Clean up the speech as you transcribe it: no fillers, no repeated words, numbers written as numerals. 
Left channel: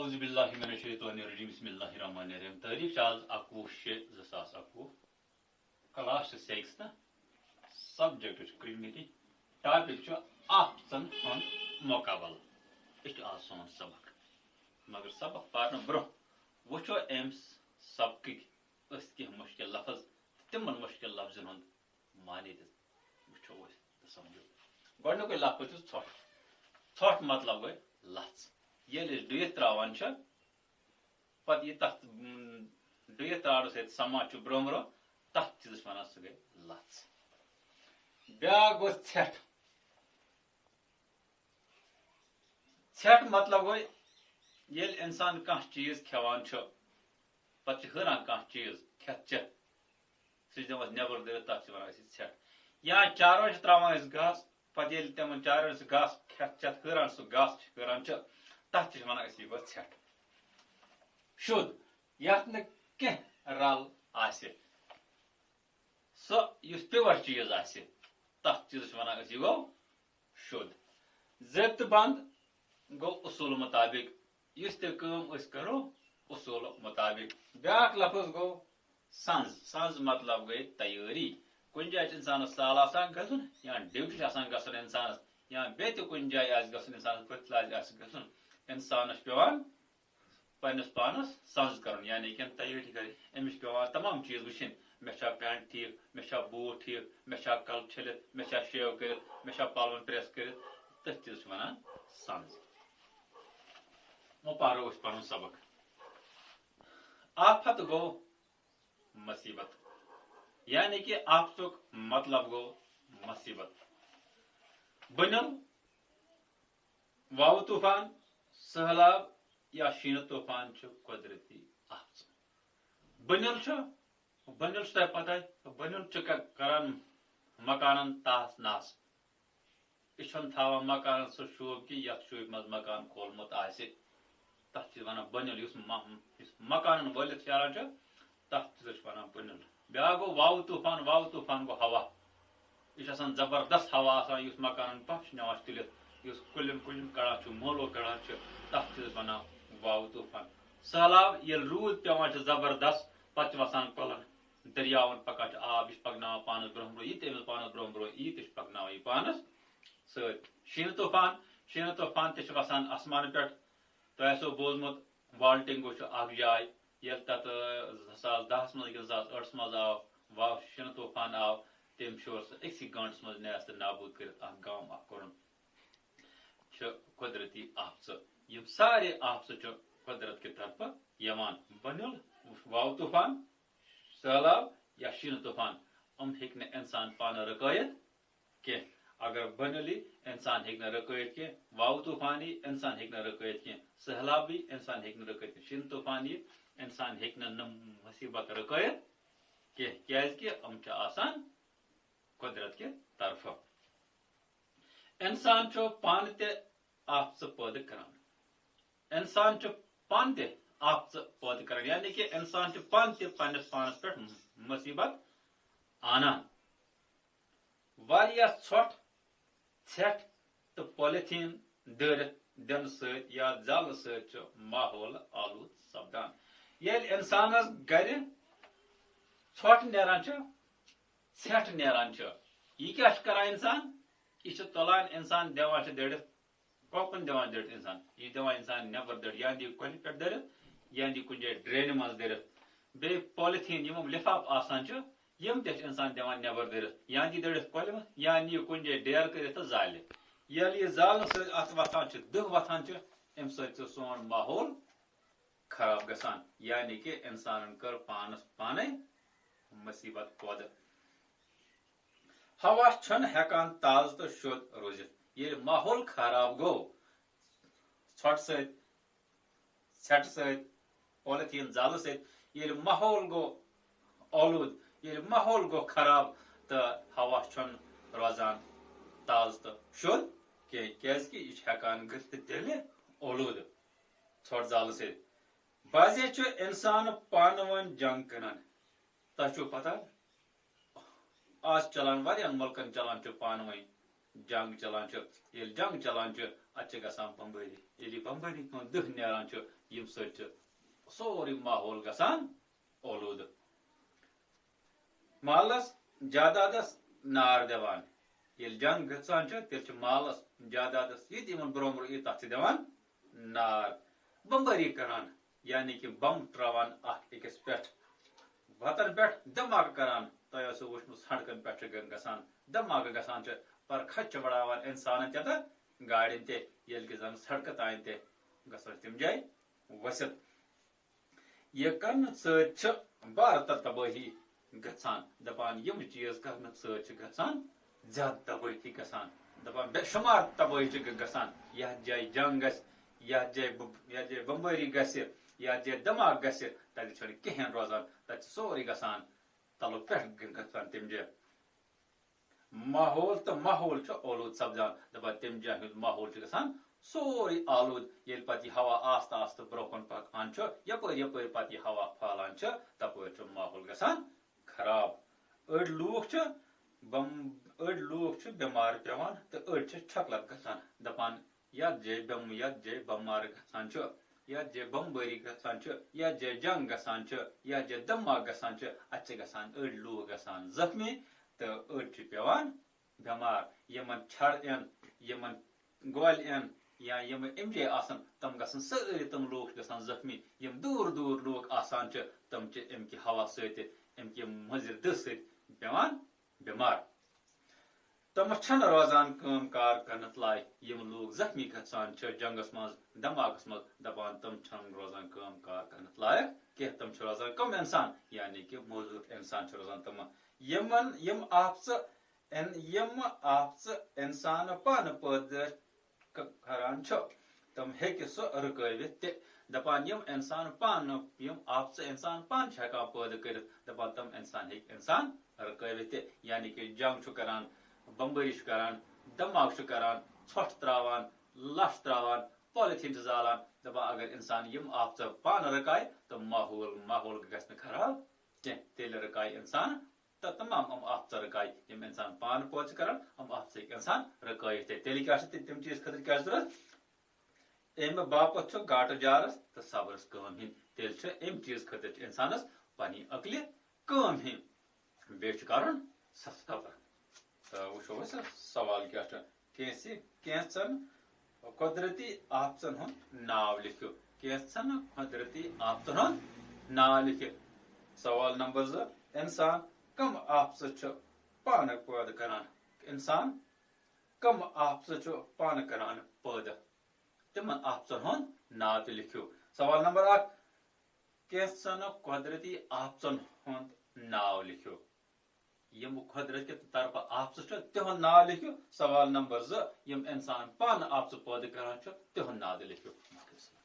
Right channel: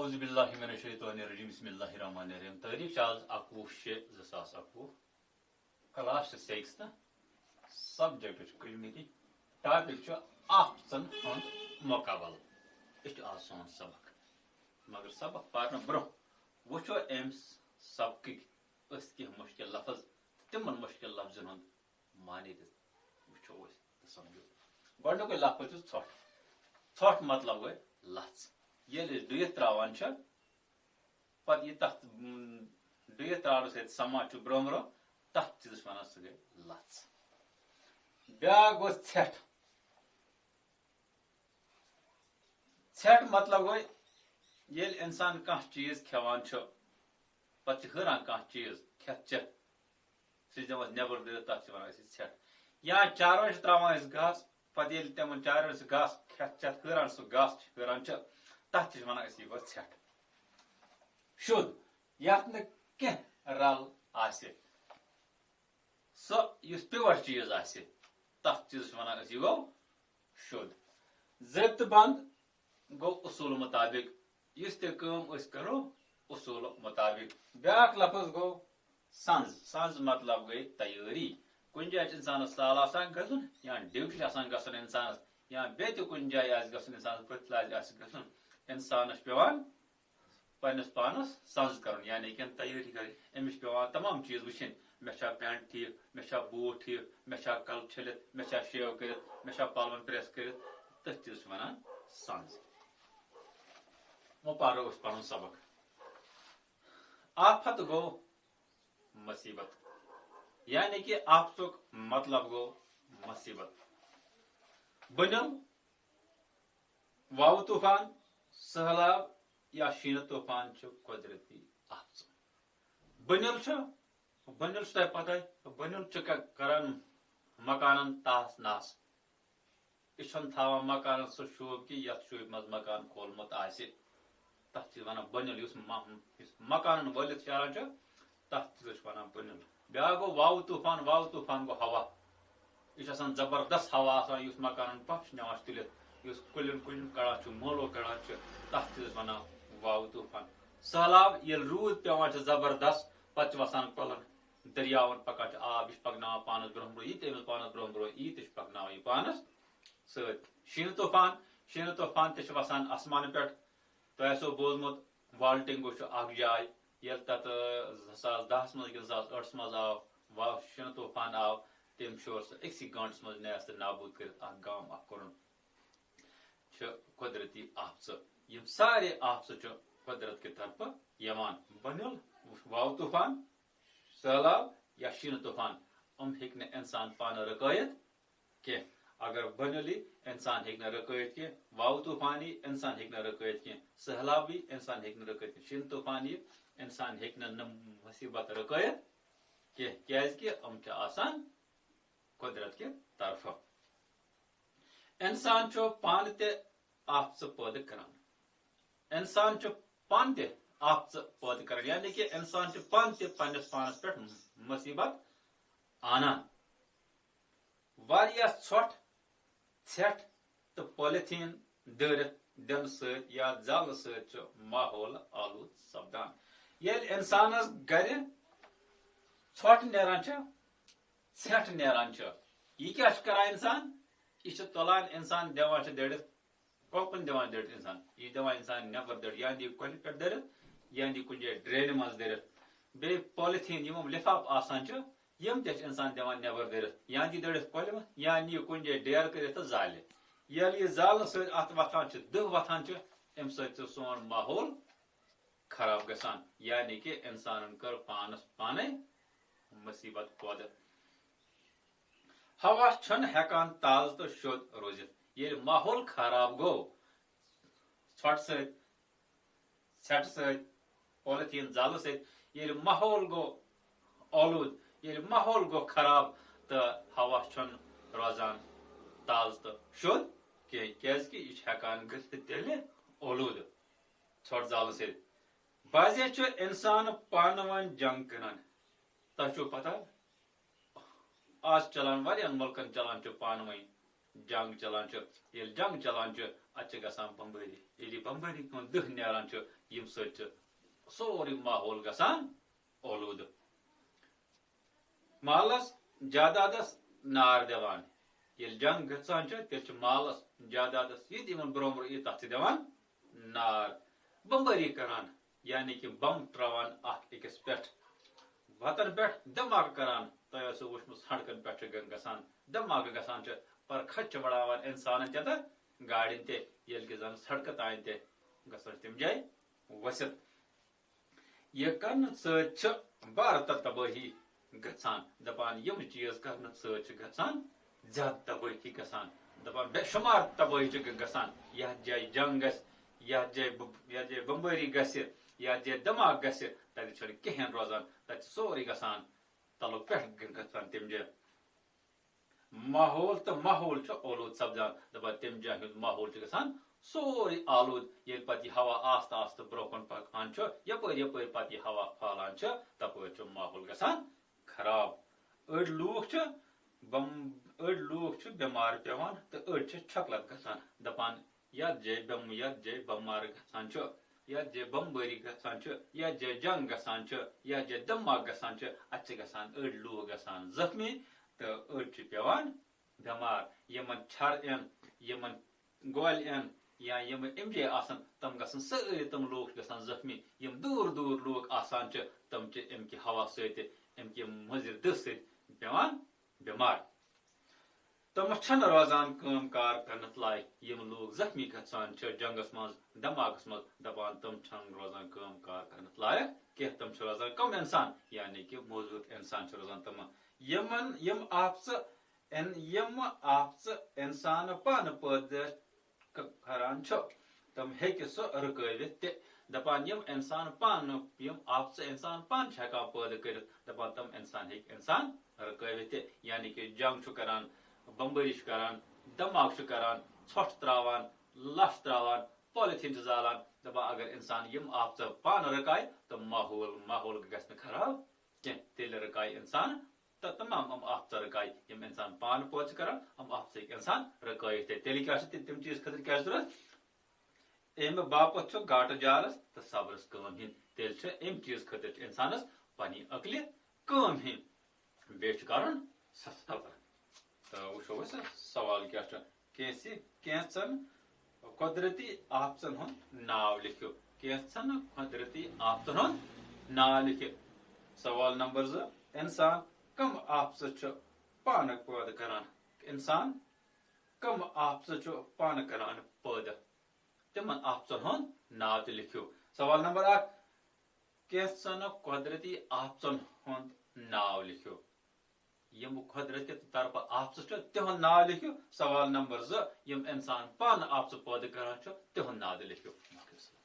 اعوذ باللہ من الشیطان الرجیم بسم اللہ الرحمن الرحیم تاریخ آز 11/6/2021 class 6 subject committee topic option ہند مقابل یہ آج سون سبق مگر سبق پارن برہ وچو ام سبق کی مشکل لفظ تمن مشکل لفظن ہند معنی وچو سمجھو گۄڈنیُکُے لفظ ژھۄٹھ ژھۄٹھ مطلب گوٚو لژھ ییٚلہِ أسۍ ڈُیِتھ تراوان چھِ پتہٕ یہِ تتھ ڈُیِتھ تراونہٕ سۭتۍ سمان چھُ برٛونٛہہ برٛونٛہہ تتھ چیٖزس ونان سُہ گٔے لژھ بیٛاکھ گوٚو ژھٮ۪ٹھ ژھٮ۪ٹھ مطلب گوٚو ییٚلہِ اِنسان کانٛہہ چیٖز کھٮ۪وان چھُ پتہٕ چھِ ہُران کانٛہہ چیٖز کھٮ۪تھ چٮ۪تھ سُہ چھِ دِوان أسۍ نٮ۪بر دٲرِتھ تتھ چھِ ونان أسۍ ژھٮ۪ٹھ یا چاروٲے چھِ تراوان أسۍ گاسہٕ پتہٕ ییٚلہِ تِمن چاروٲے سُہ گاسہٕ کھٮ۪تھ چٮ۪تھ ہُران سُہ گاسہٕ چھِ ہُران چھِ تتھ چھِ ونان أسۍ یہِ گوٚو ژھٮ۪ٹھ شُد یتھ نہٕ کینٛہہ رل آسہِ سُہ یُس پیور چیٖز آسہِ تتھ چیٖزس چھِ ونان أسۍ یہِ گوٚو شُد ضٲبطہٕ بنٛد گوٚو اصوٗل مطابق یُس تہِ کٲم أسۍ کرو اصوٗل مطابق بیٛاکھ لفظ گوٚو سنٛز سنٛز مطلب گٔے تیٲری کُنہِ جایہِ چھُ انسانس سال آسان گژھُن یا ڈیوٹی چھِ آسان گژھُن انسانس یا بیٚیہِ تہِ کُنہِ جایہِ آسہِ گژھُن انسانس پٔتھلہِ آسہِ گژھُن انسانس چھُ پیوان پننس پانس سنٛز کرُن یعنی کہِ تیٲری کرٕنۍ أمِس چھِ پیوان تمام چیٖز وٕچھِنۍ مےٚ چھا پینٹ ٹھیٖک مےٚ چھا بوٗٹ ٹھیٖک مےٚ چھا کلہٕ چھٔلِتھ مےٚ چھا شیو کٔرِتھ مےٚ چھا پلون پریس کٔرِتھ تٔتھۍ چیٖزس چھِ ونان سنٛز وۄنۍ پرو أسۍ پنُن سبق آفت گوٚو مصیبت یعنی کہ آفتُک مطلب گوٚو مصیبت بٔنِل واوٕ طوٗفان سہلاب یا شیٖنہٕ طوٗفان چھُ قۄدرٔتی آفژٕ بٔنِل چھُ تۄہہِ پتہ بٔنِل چھُ کران مکانن تاس ناس یہِ چھُنہٕ تھاوان مکانن سُہ شوٗب کہِ یتھ شوٗبہِ منٛز مکان کھولمُت آسہِ تتھ چھِ ونان بٔنِل یُس مکانن وٲلِتھ شیران چھُ تتھ چیٖزس چھِ ونان بٔنِل بیٛاکھ گوٚو واوٕ طوٗفان گوٚو ہوا یہِ چھُ آسان زبردست ہوا آسان یُس مکانن پتھ چھُ نِوان تُلِتھ یُس کُلٮ۪ن کڑان چھُ مولو کڑان چھُ تتھ چیٖزس ونان واوٕ طوٗفان سہلاب ییٚلہِ روٗد پیوان چھُ زبردست پتہٕ چھِ وسان کۄلن دٔریاون پکان چھُ آب یہِ چھُ پکناوان پانس برٛونٛہہ برٛونٛہہ یہِ تہِ أمِس پانس برٛونٛہہ برٛونٛہہ یی تہِ چھُ پکناوان یہِ پانس سۭتۍ شیٖنہٕ طوٗفان تہِ چھُ وسان آسمانہٕ پٮ۪ٹھ تۄہہِ آسیو بوٗزمُت والٹنگو چھُ اکھ جاے ییٚلہِ تتھ 2010 منٛز کِنہٕ 2008 منٛز آو شیٖنہٕ طوٗفان آو تٔمۍ شور سُہ أکسٕے گٲنٛٹس منٛز نیس تہٕ نابوٗد کٔرِتھ اکھ گام اکھ کوٚرُن چھِ قۄدرٔتی آفژٕ یِم سارے آفژٕ چھِ قۄدرت کہِ طرفہٕ یِوان بٔنِل واوٕ طوٗفان سہلاب یا شیٖنہٕ طوٗفان یِم ہیٚکہِ نہٕ اِنسان پانہٕ رُکٲیِتھ کینٛہہ اگر بٔنِل یی انسان ہیٚکہِ نہٕ رُکٲیِتھ کینٛہہ واوٕ طوٗفان یی انسان ہیٚکہِ نہٕ رُکٲیِتھ کینٛہہ سہلاب یی انسان ہیٚکہِ نہٕ رُکٲیِتھ شیٖنہٕ طوٗفان یی انسان ہیٚکہِ نہٕ مصیبت رُکٲیِتھ کینٛہہ کیازِ کہِ یِم چھِ آسان قۄدرت کہِ طرفہٕ انسان چھُ پانہٕ تہِ آفژٕ پٲدٕ کران انسان چھُ پانہٕ تہِ آفژٕ پٲدٕ کران یعنی کہِ انسان چھُ پانہٕ تہِ پننس پانس پٮ۪ٹھ مصیبت آنان واریاہ ژھۄٹھ ژھٮ۪ٹھ تہٕ پالیٖتھیٖن دٲرِتھ دِنہٕ سۭتۍ یا زالنہٕ سۭتۍ چھُ ماحول آلوٗد سپدان ییٚلہِ انسانس گرِ ژھۄٹھ نیران چھُ ژھٮ۪ٹھ نیران چھُ یہِ کیاہ چھُ کران انسان یہِ چھُ تُلان انسان دِوان چھُ دٔرِتھ کۄکُن دِوان دٔرِتھ انسان یہِ چھُ دِوان انسان نٮ۪بر دٔرِتھ یا دِ کۄلہِ پٮ۪ٹھ دٔرِتھ یا دِ کُنہِ جایہِ ڈرینہِ منٛز دٔرِتھ بیٚیہِ پالیٖتھیٖن یِم لِفاف آسان چھِ یِم تہِ چھِ انسان دِوان نٮ۪بر دٔرِتھ یا دِ دٔرِتھ کۄلہِ منٛز یا نِیہِ کُنہِ جایہِ ڈیر کٔرِتھ تہٕ زالہِ ییٚلہِ یہِ زالنہٕ سۭتۍ اتھ وتھان چھِ دٕہ وتھان چھِ امہِ سۭتۍ چھُ سون ماحول خراب گژھان یعنی کہِ انسانن کٔر پانس پانے مصیبت پٲدٕ ہوا چھُنہٕ ہٮ۪کان تازٕ تہٕ شوٚد روٗزِتھ ییٚلہِ ماحول خراب گوٚو ژھۄٹھ سۭتۍ ژھٮ۪ٹہٕ سۭتۍ پالیٖتھیٖن زالنہٕ سۭتۍ ییٚلہِ ماحول گوٚو آلوٗد ییٚلہِ ماحول گوٚو خراب تہٕ ہوا چھُنہٕ روزان تازٕ تہٕ شوٚد کینٛہہ کیازِ کہِ یہِ چھُ ہٮ۪کان گٔژھِتھ تیٚلہِ اولوٗدٕ ژھۄٹھ زالنہٕ سۭتۍ بعضے چھُ انسان پانہٕ ؤنۍ جنگ کران تۄہہِ چھو پتہ آز چلان واریاہن مُلکن چلان چھُ پانہٕ ؤنۍ جنگ چلان یل جنگ چلان ات گسان بمباری یل بمباری ہند دہ نیران یم سۭتۍ سورُے ماحول گسان اولوٗدٕ مالس جادادس نار دِوان ییٚلہِ جنگ گژھان تیٚلہِ مالس جادادس یہ تمن برٛونٛہہ برٛونٛہہ یی تتھ چھِ دِوان نار بمبٲری کران یعنی کہ بم تراوان اکھ أکِس پٮ۪ٹھ وتن پٮ۪ٹھ دھماکہٕ کران تۄہہِ ٲسوٕ وٕچھمُت سڑکن پٮ۪ٹھ چھِ گژھان دھماکہٕ گژھان پر کھچ بڑاوان انسانن تہِ تہٕ گاڑین تہِ ییٚلہِ کہِ زن سڑکہٕ تانۍ تہِ گژھان تِم جایہِ ؤسِتھ یہ کرنہٕ سۭتۍ چھِ بھارت تبٲہی گژھان دپان یم چیز کرنہٕ سۭتۍ چھِ گژھان زیادٕ تبٲہی گژھان دپان بے شمار تبٲہی چھِ گژھان یتھ جایہِ جنگ گژھِ یتھ جایہِ بمبٲری گژھِ یتھ جایہِ دھماکہٕ گژھِ تتہِ چھُنہٕ کہیٖنۍ روزان تتہِ چھُ سورُے گژھان تلو پٮ۪ٹھ گژھان تم جایہِ ماحول تو ماحول چھُ اولوٗد سپدان دپان تم جایہِ ہُنٛد ماحول چھُ گژھان سورُے آلوٗد ییٚلہِ پتہٕ یہِ ہوا آستہٕ آستہٕ برٛونٛہہ کُن پکان چھُ یپٲرۍ یپٲرۍ پتہٕ یہِ ہوا پھہلان چھُ تپٲرۍ چھُ ماحول گژھان خراب أڑۍ لوٗکھ چھِ بٮ۪مار پیوان تہٕ أڑۍ چھِ چھۄکلت گژھان دپان یتھ جایہِ بٮ۪مار گژھان چھُ یتھ جایہِ بمبٲری گژھان چھُ یتھ جایہِ جنگ گژھان چھُ یتھ جایہِ دھماکہٕ گژھان چھُ اتہِ چھِ گژھان أڑۍ لوٗکھ گژھان زخمی تہٕ أڑۍ چھِ پیوان بٮ۪مار یمن چھڑ یِن یمن گۄلہِ یِن یا یم امہِ جایہِ آسان تم گژھن سٲری تم لوٗکھ گژھان زخمی یم دوٗر دوٗر لوٗکھ آسان چھِ تم چھِ امہِ کہِ ہوا سۭتۍ امہِ کہِ مُضِر دٕہ سۭتۍ پیوان بٮ۪مار تم چھنہٕ روزان کٲم کار کرنس لایق یم لوٗکھ زخمی گژھان چھِ جنگس منٛز دھماکس منٛز دپان تم چھنہٕ روزان کٲم کار کرنس لایق کینٛہہ تم چھِ روزان کم انسان یعنی کہ موزوٗر انسان چھِ روزان تم یم آفژٕ انسان پانہٕ پٲدٕ کران چھُ تم ہیٚکہِ سُہ رُکٲوِتھ تہِ دپان یم انسان پانہٕ یم آفژٕ انسان پانہٕ چھِ ہٮ۪کان پٲدٕ کٔرِتھ دپان تم انسان ہیٚکہِ انسان رُکٲوِتھ تہِ یعنی کہ جنگ چھُ کران بمبٲری چھُ کران دھماکہٕ چھُ کران ژھۄٹھ تراوان لَش تراوان پالِتھیٖن چھِ زالان دپان اگر انسان یم آفژٕ پانہٕ رُکایہِ تہٕ ماحول گژھِ نہٕ خراب کینٛہہ تیٚلہِ رُکایہِ انسان تہٕ تمام یم آفژٕ رُکایہِ یم انسان پانہٕ پٲدٕ چھِ کران یم آفژٕ ہیٚکہِ انسان رُکٲوِتھ تہِ تیٚلہِ کیٛاہ چھِ تِم چیٖز خٲطرٕ کیٛاہ چھِ ضروٗرت امہِ باپتھ چھُ گاٹہٕ جارس تہٕ صبرس کٲم ہِنۍ تیٚلہِ چھِ امہِ چیٖز خٲطرٕ چھِ انسانس پننہِ عقلہِ کٲم ہِنۍ بیٚیہِ چھُ کرُن صبر تہٕ وٕچھو أسۍ سوال کیٛاہ چھُ کینٛژن قۄدرٔتی آفژن ہُنٛد ناو لیکھِو کینٛژن قۄدرٔتی آفژن ہُنٛد ناو لیکھِو سوال نمبر 2 انسان کم آفژٕ چھُ پانہٕ پٲدٕ کران انسان کم آفژٕ چھُ پانہٕ کران پٲدٕ تمن آفژن ہُنٛد ناو تہِ لیکھِو سوال نمبر 1 کینٛژن قۄدرٔتی آفژن ہُنٛد ناو لیکھِو یم قۄدرٔتی طرفہٕ آفژٕ چھِ تِہُنٛد ناو لیکھِو سوال نمبر 2 یم انسان پانہٕ آفژٕ پٲدٕ کران چھُ تِہُنٛد ناو تہِ لیکھِو